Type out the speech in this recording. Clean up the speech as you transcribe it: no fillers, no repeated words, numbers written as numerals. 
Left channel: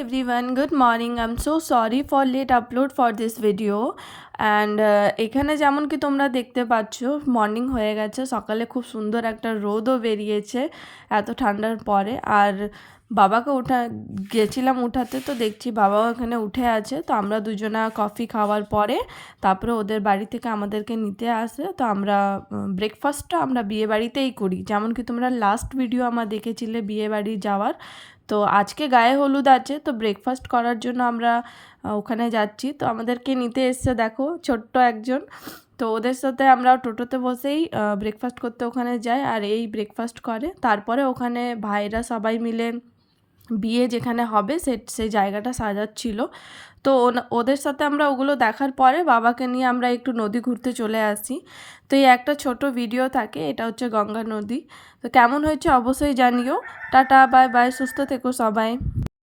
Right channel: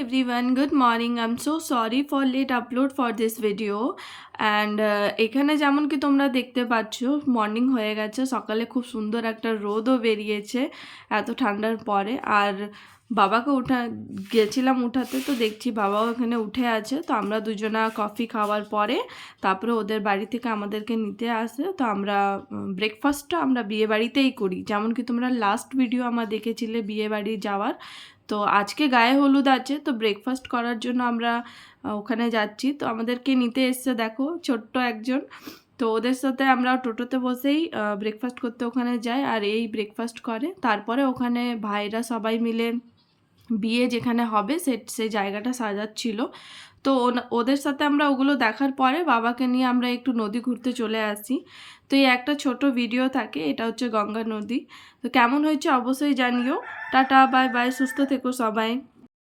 everyone, good morning. I'm so sorry for late upload for this video. And এখানে যেমন কি তোমরা দেখতে পাচ্ছ মর্নিং হয়ে গেছে, সকালে খুব সুন্দর একটা রোদও বেরিয়েছে এত ঠান্ডার পরে। আর বাবাকে গেছিলাম উঠাতে, তো দেখছি বাবাও এখানে উঠে আছে। তো আমরা দুজনা কফি খাওয়ার পরে তারপরে ওদের বাড়ি থেকে আমাদেরকে নিতে আসে। তো আমরা ব্রেকফাস্টটা আমরা বিয়ে বাড়িতেই করি, যেমন কি তোমরা লাস্ট ভিডিও আমার দেখেছিলে বিয়ে বাড়ি যাওয়ার। তো আজকে গায়ে হলুদ আছে, তো ব্রেকফাস্ট করার জন্য আমরা ওখানে যাচ্ছি। তো আমাদেরকে নিতে এসছে দেখো ছোট্ট একজন। তো ওদের সাথে আমরা টোটোতে বসেই ব্রেকফাস্ট করতে ওখানে যাই, আর এই ব্রেকফাস্ট করে। তারপরে ওখানে ভাইরা সবাই মিলে বিয়ে যেখানে হবে সেই জায়গাটা সাজাচ্ছিল। তো ওদের সাথে আমরা ওগুলো দেখার পরে বাবাকে নিয়ে আমরা একটু নদী ঘুরতে চলে আসি। তো এই একটা ছোট ভিডিও থাকে, এটা হচ্ছে গঙ্গা নদী। তো কেমন হয়েছে অবশ্যই জানিও। টাটা, বাই বাই, সুস্থ থেকো সবাই।